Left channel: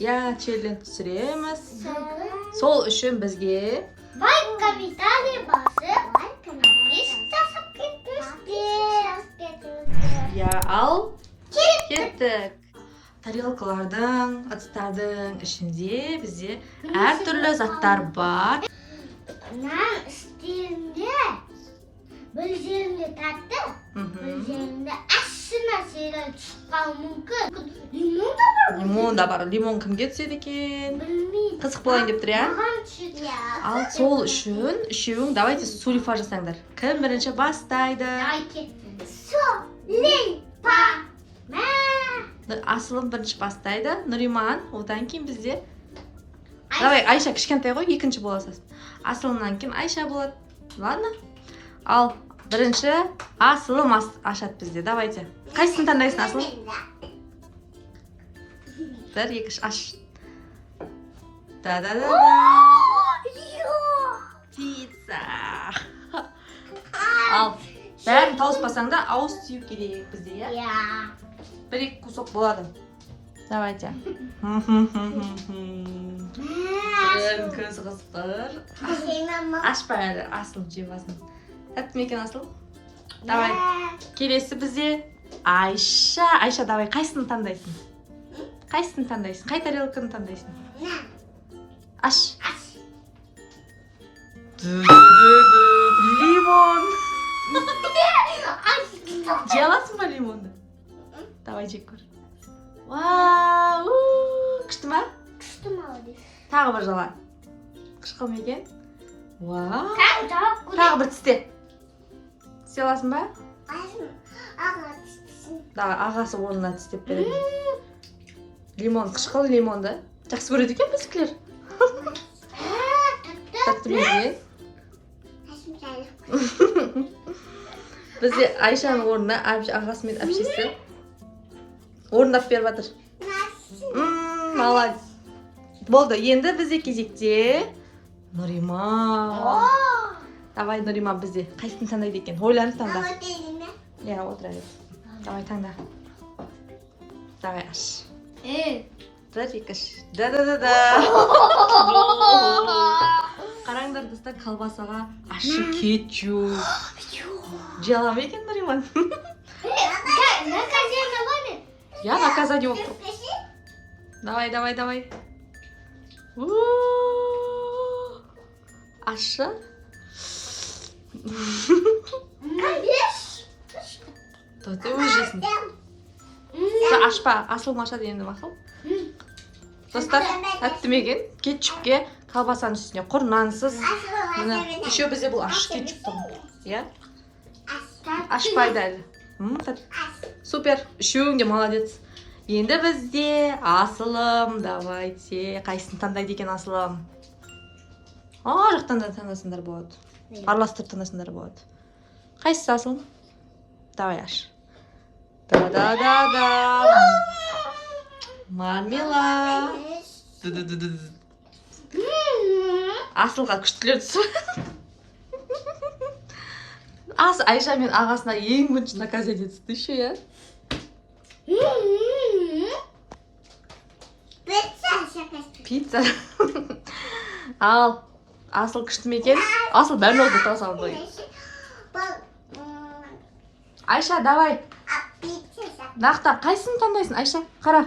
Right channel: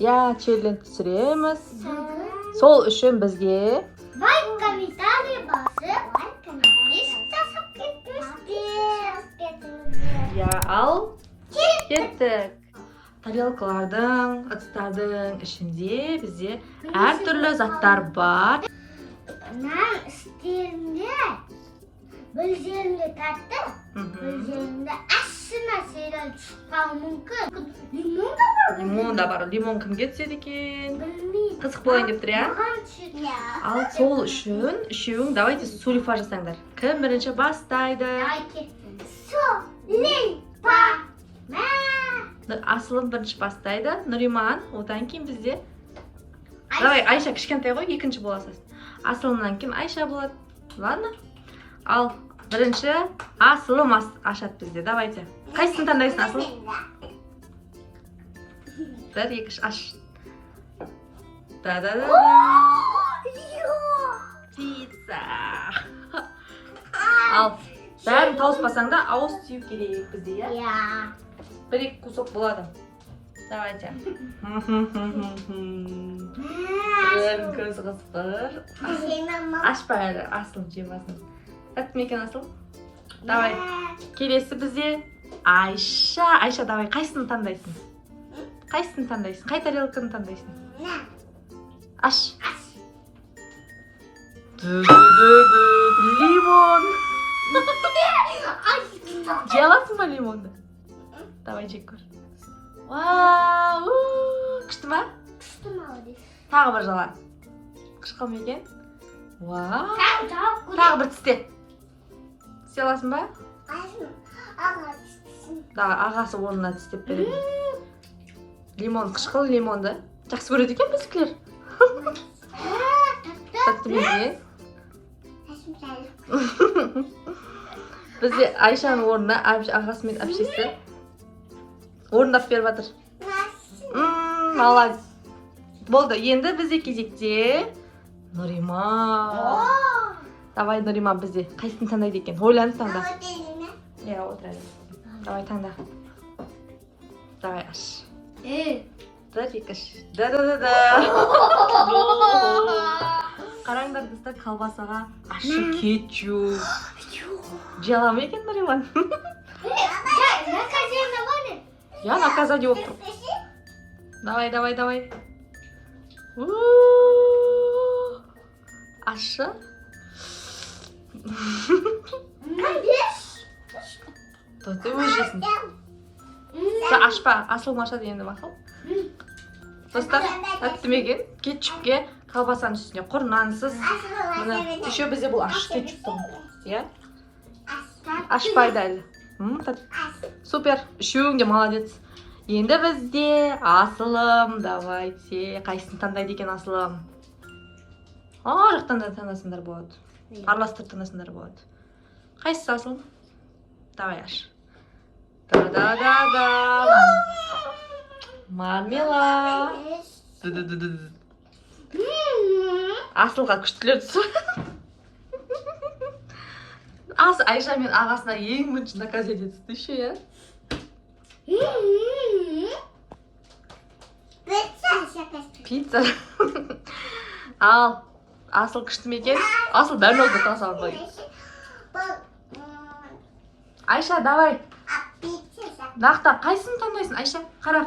Ya, challenge түсіреміз. Сол үшін бізге лайк, комментарий басып, я ал кеттік. Тарелкалардың, ыдыстардың ішінде бізде әртүрлі заттар бар. Нан үстелінде бір жерінде тәтті, бір жерінде ащы нәрселер шыққаны мүмкін. Лимон да бар. Лимон да бар. Лимон кімге түседі екен? Білмеймін. Қызық болайын деп тұр, я? Маған түседі. Ал сол үшін үшеуің давайте сулифа жасаңдар. Кім бірінші бастайды? Давайте. Сулифа. Асылым бірінші бастайды. Нұриман, одан кейін бізде. Давай, Айша кішкентай ғой, екінші боласыз. Асылымнан кейін Айша болады. Ладно? Ал бірінші Асылым ашады бізде. Давайте. Қайсысын таңдайсың, Асылым? Бір, екі, үш, аш. Да-да-да-да. Пицца. Ал, бәрін тауыспасаң да ауыз тию керек бізде, я? Я. Бір-екі кусок болады. Давайте. Көз қысқыр. Ашпа әлі, Асылым жемасын. Тәтті ме екен, Асылым? Давай. Келесі бізде Айша. Айша, давай, қайсысын таңдайсың? Қайсысын таңдайсың? Қай тарелканы таңдайсың? Аш. Лимон. Жей аласың ба лимонды? Давай жек көр. Вау! Күшті ма? Күшті молодец. Тағы бір жала. Қышқыл ма екен? Вау! Тағы бір тісте. Тісте аласың ба? Аға тістесін. Да, ағасы онына тістеп береді. Лимон, қышқыл лимонды. Жақсы көреді екен біздікілер. Тәтті ме? Бізде Айшаның орнына ағасы мен әпшесі орындап беріп жатыр. Молодец. Болды, енді бізде кезекте Нұриман. Давай, Нұриман, бізде қайсысын таңдайды екен? Ойланып таңда. Я, отыра бер. Давай, таңда. Давай, аш. Бір, екі, үш. Да-да-да-да. Қараңдар, достар, колбасаға ащы кетчуп. Жей ала ма екен, Нұриман? Наказание var mı? Я наказание болып тұр. Давай, давай, давай. Ащы. Ты өжесің. Ашпа, Асылым ашады енді мақыл. Достар, тәтті ме екен? Кетчупке колбасаның үстіне құр нансыз. Міне, еще бізде бұл ащы кетчуп тұр. Я? Ашпайды әлі. Супер, үшеуің де молодец. Енді бізде Асылым, давайте. Қайсысын таңдайды екен Асылым? Жақтан да таңдасындар болады. Араластырып таңдасындар болады. Қайсысы Асылым? Давай аш. Да-да-да-да. Мармела. Асылға күштілер түсі. Айша мен ағасына ең бірінші наказание түсті ше, я? Пицца. Ал, Асыл күшті ме екен? Асыл дәл олды тасал бой. Айша, давай. Нақта, қайсысын таңдайсың, Айша? Қара.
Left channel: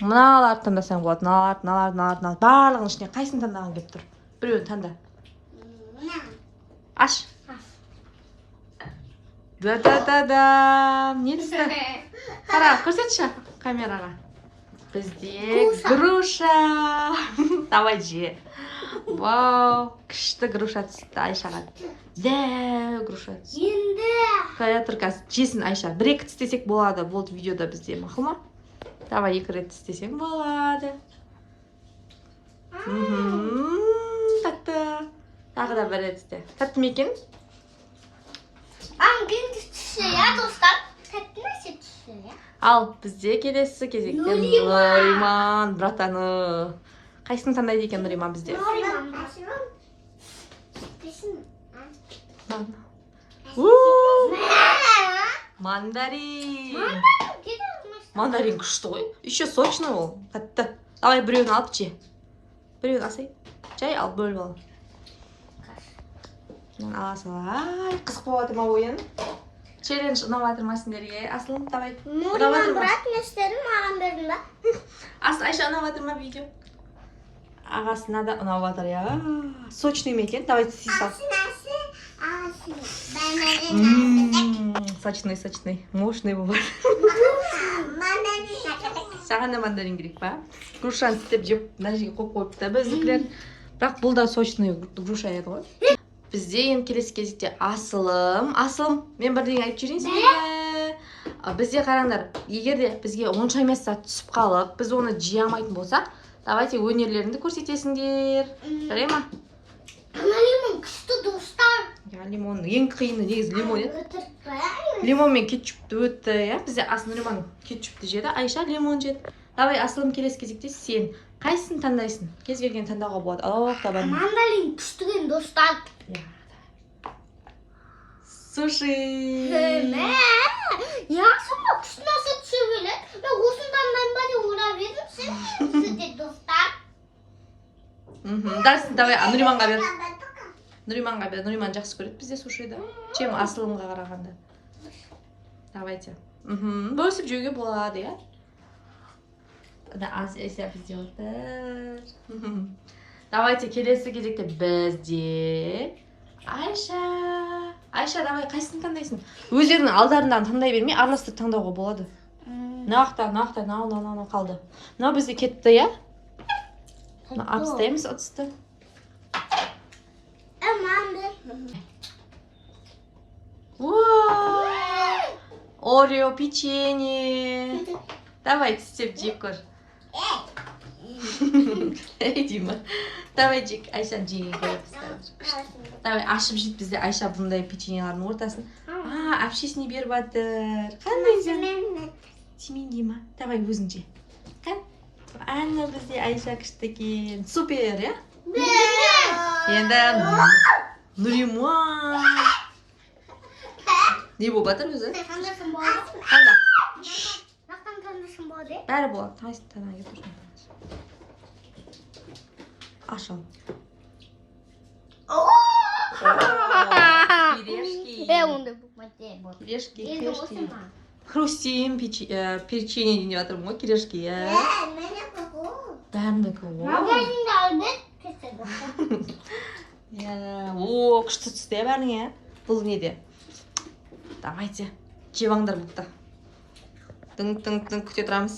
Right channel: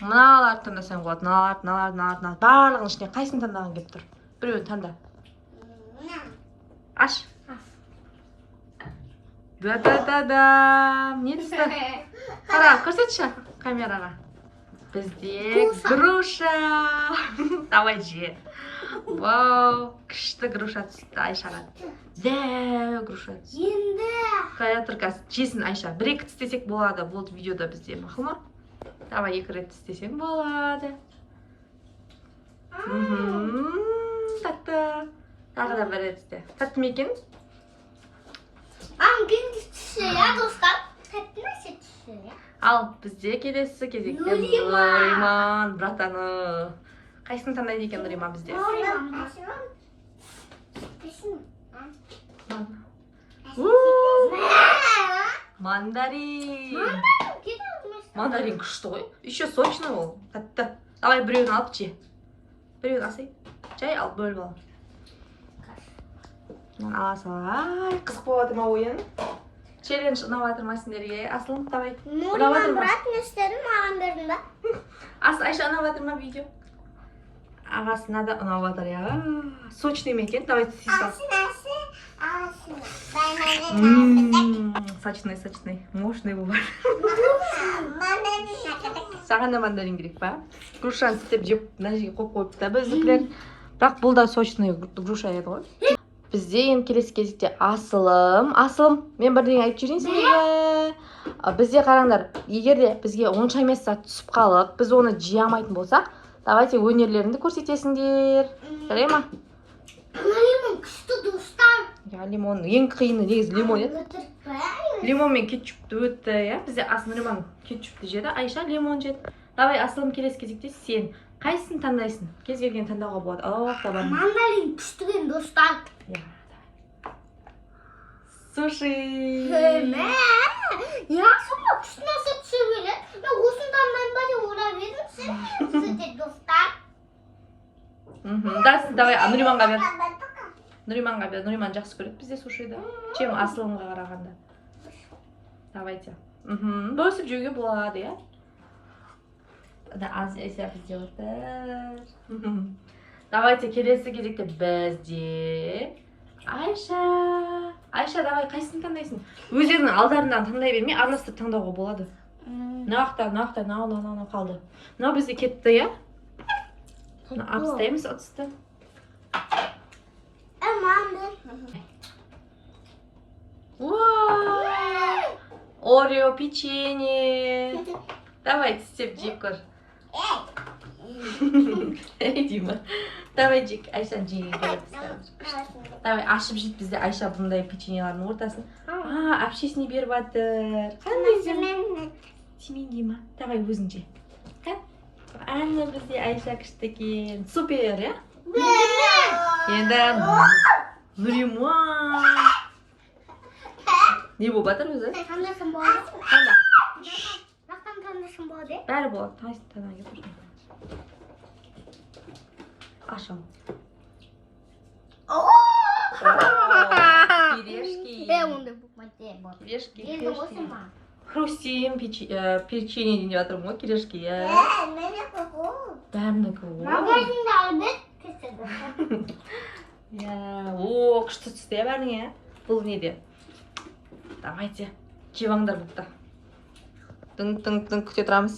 Мыналарды таңдасаң болады. Мыналарды. Барлығын ішіне қайсысын таңдаған кеп тұр? Біреуін таңда. Аш. Да-да-да-да. Не түсті? Қара, көрсетші камераға. Бізде груша. Давай же. Вау, күшті груша түсті Айшаға. Дәу груша түсті. Енді. Қая тұрқас, жесін Айша. Бір-екі тістесек болады, болды видеода бізде, мақыл ма? Давай, екі рет тістесек болады. Тәтті. Тағы да бір рет тісте. Тәтті ме екен? Ам, кенді түсті, я. Ya dostlar, tepki nasıl düşüyor ya? Ал бізде келесі кезекте Нұриман братаны. Қайсысын таңдайды екен Нұриман бізде? Мандарин. Мандарин күшті ғой. Еще сочный ол. Тәтті. Давай біреуін алып же. Біреуін алсай. Жай алып бөліп ал. Мен ала салай. Қызық болып жатыр ма ойын? Челлендж ұнап жатыр ма сендерге? Асылым, давай. Нұриман брат не істеді маған бердің ба? Асыл, Айша ұнап жатыр ма видео? Ағасына да ұнап жатыр, я. Сочный ме екен? Давай сүй сал. Сочный, сочный. Мощный бывает. Саған да мандарин керек па? Грушаны тістеп жеп, мына жерге қойып қойыпты біздікілер. Бірақ бұл да сочный груша еді ғой. Бізде енді келесі кезекте Асылым. Асылым, мен бірдеңе айтып жіберейін сендерге. Бізде қараңдар, егер де бізге онша емес зат түсіп қалып, біз оны жей алмайтын болсақ, давайте өнерлеріңді көрсетесіңдер. Жарай ма? Лимон күшті достар. Лимон ең қиыны негізі лимон еді. Лимон мен кетчупты өтті, иә? Бізде Нұриман кетчупты жеді, Айша лимон жеді. Давай, Асылым, келесі кезекте сен қайсысын таңдайсың? Кез келген таңдауға болады. Табан. Мандарин күштіген достар. Суши. Я сонда күшті нәрсе түсе келеді. Мен осын таңдайын ба деп ойлап едім, сен күшті достар. Давай, Нұриманға бер. Нұриманға бер. Нұриман жақсы көреді бізде сушиді. Чем Асылымға қарағанда. Давайте. Бөлісіп жеуге болады, иә? Аз есе бізде отыр. Давайте, келесі кезекте бізде Айша. Айша, давай, қайсысын таңдайсың? Өздерінің алдарынан таңдай бермей, араластырып таңдауға болады. Нақта, нау қалды. Мынау бізде кетті, иә? Апстаймыз отысты. Орео печенье. Давай, тістеп жеп көр. Эй, Дима. Давай жек, Айшаны жеге көріп. Давай, ашып жейді бізде Айша бұндай печеньелардың ортасын. Әпшесіне беріп жатыр. Қандай жем? Тимейін, Дима. Давай, өзің же. Әні бізде Айша күшті екен. Супер, иә? Енді Нұриман. Не болып жатыр өзі? Қандайсың болады? Қанда? Қандайсың болады? Бәрі болады. Таңайсын таңай кетіп жүрген. Ашыл. Пирешки. Ондай болмайды. Пирешки. Хрустим печенье дейін жатырмын ғой, пирешки. Бәрінікі ғой. Магазинда албет кетеді. Күшті түсті бәріне. Бұл неде? Давайте, жеваңдар бұқты. Тың күте тұрамыз.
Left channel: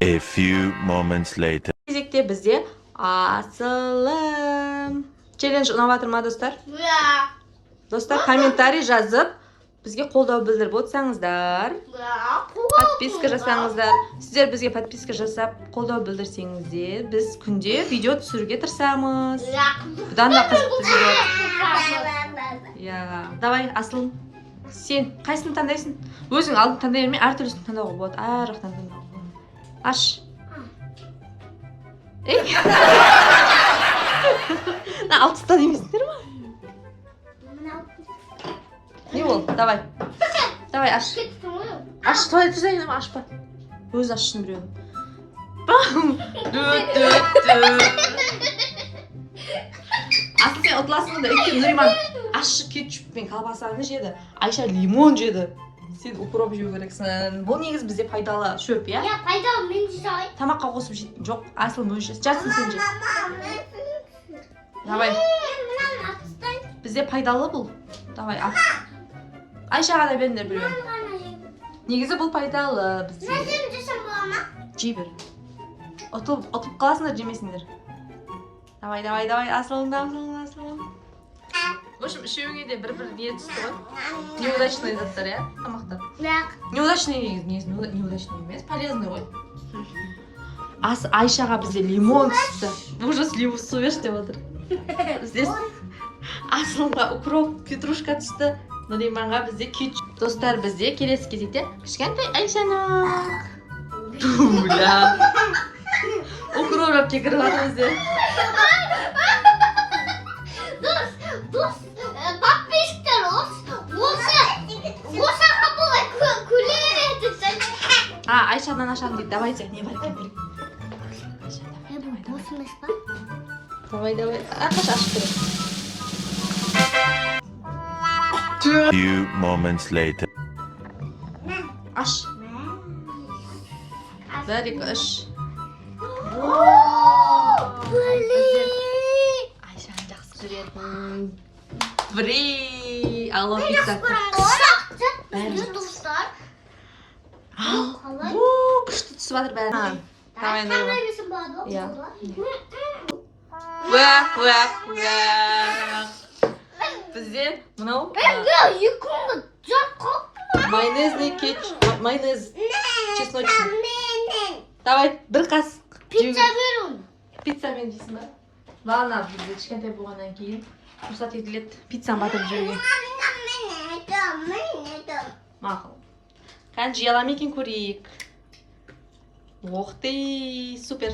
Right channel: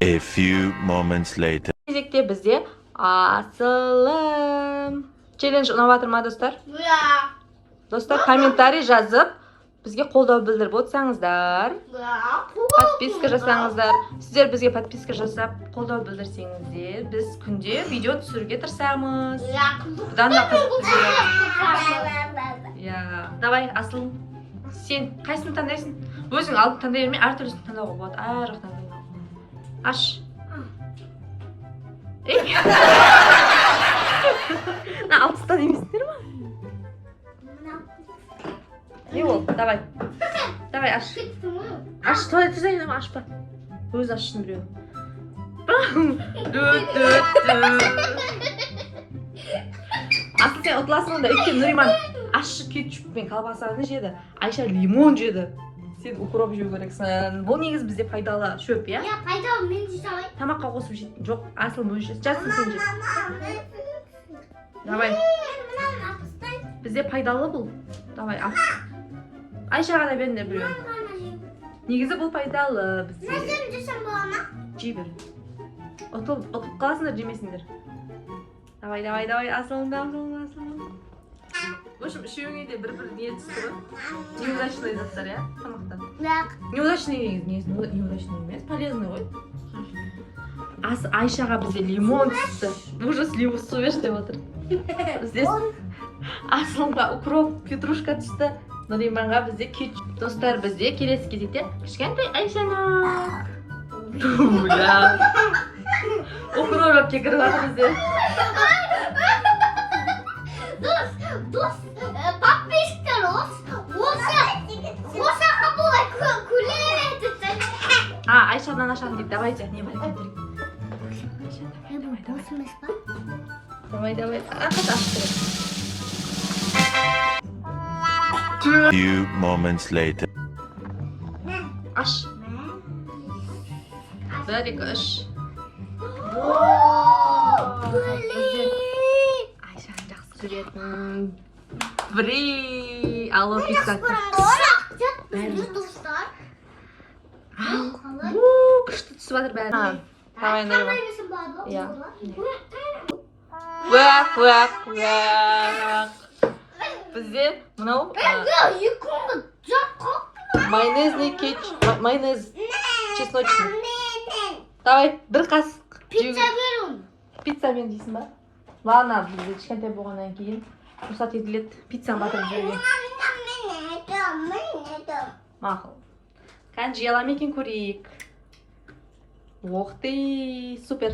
A few moments later. Кезекте бізде Асылым. Челлендж ұнап жатыр ма, достар? Достар, комментарий жазып, бізге қолдау білдіріп отырсаңыздар. Подписка жасаңыздар. Сіздер бізге подписка жасап, қолдау білдірсеңіздер, біз күнде видео түсіруге тырысамыз. Бұдан да қызық видео. Давай, Асылым. Сен қайсыны таңдайсың? Өзің алдын таңдай бермей, әр түрлісін таңдауға болады. Әр жақтан таңдауға болады. Аш. Алып тастан еместіңдер ма? Не ол? Давай. Давай, аш. Аш, той түзейін, ашпа. Өз ашшын біреуін. Асыл, сен ұтыласың онда. Өйткені Нұриман ашшы кетчуп пен колбасаны жеді. Айша лимон жеді. Сен укроп жеу керексің. Бұл негіз бізде пайдалы шөп, иә? Я пайдалы, мен жесай. Тамаққа қосып жейді. Жоқ, Асыл мөлшес. Жатсын сен жейді. Давай. Бізде пайдалы бұл. Давай, ал. Айшаға да беріңдер біреуін. Негізі бұл пайдалы бізде. Сен жесем бола ма? Жей бер. Ұтылып қаласыңдар, жемесіңдер. Давай, Асылың. В общем, үшеуіңе де бір-бір не түсті ғой. Неудачный заттар, иә? Тамақтар. Неудачный емес, полезный ғой. Айшаға бізде лимон түсті. Ужас, лимон су бер деп отыр. Бізде Асылға укроп, петрушка түсті. Nurimanға бізде күч. Достар, бізде келесі кезекте кішкентай Айшаны. Уля. Укроп кекіріп жатыр бізде. Дос, подписчиктер осы қабылай күлетісің. Айшадан ашамын дейді. Давайте, не бар екен? Дос емес па? Давай. Ашып керек. Few moments later. Аш. Бір, екі, үш. Айшаны жақсы көретін. Бри. Алло, пицца. Достар. Күшті түсіп жатыр бәрі. Давай, Нұрима. Қамаймысың ба? Иә. Уақ. Бізде мынау Екіңді жаққа. майонезный майонез чесночный. Давай, бір қасық. Пицца беру. Пиццамен жейсің ба? Ладно, бізде кішкентай болғаннан кейін рұқсат етіледі пиццаны батырып жеуге. Мақұл. Қазір жей аламын екен көрейік. Ох ты, супер.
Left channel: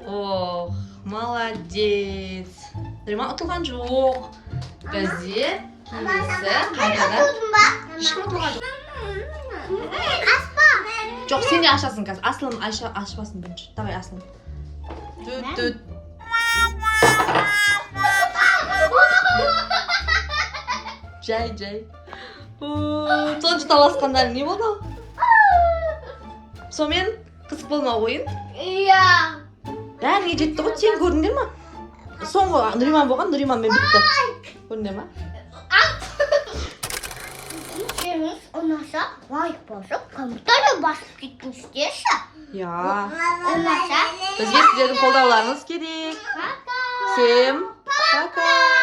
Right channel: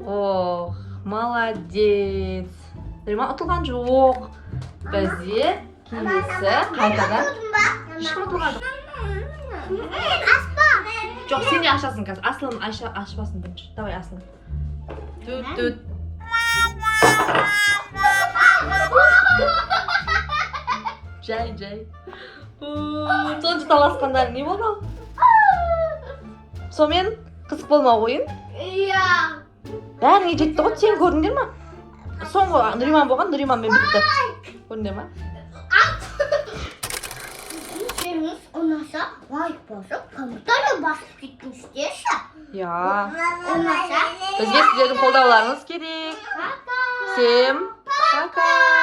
Ох, молодец. Нұрима ұтылған жоқ. Бізде келесі қайтадан ешкім ұтылған жоқ. Жоқ, сен де ашасың қазір. Аслым ашпасын бірінші. Давай, Аслым. Түт. Жай. Сонша таласқандар не болды? Сонымен қызық болмау ойын. Иә. Бәріне жетті ғой, сен көрдіңдер ма? Соңғы Нұриман болған, Нұриманмен бітті. Көрдіңдер ма? Сенің ұнаса, лайк басып, комментарий басып кетіңіздерші. Я. Ұнаса. Бізге сіздердің қолдауларыңыз керек. Пока. Всем пока.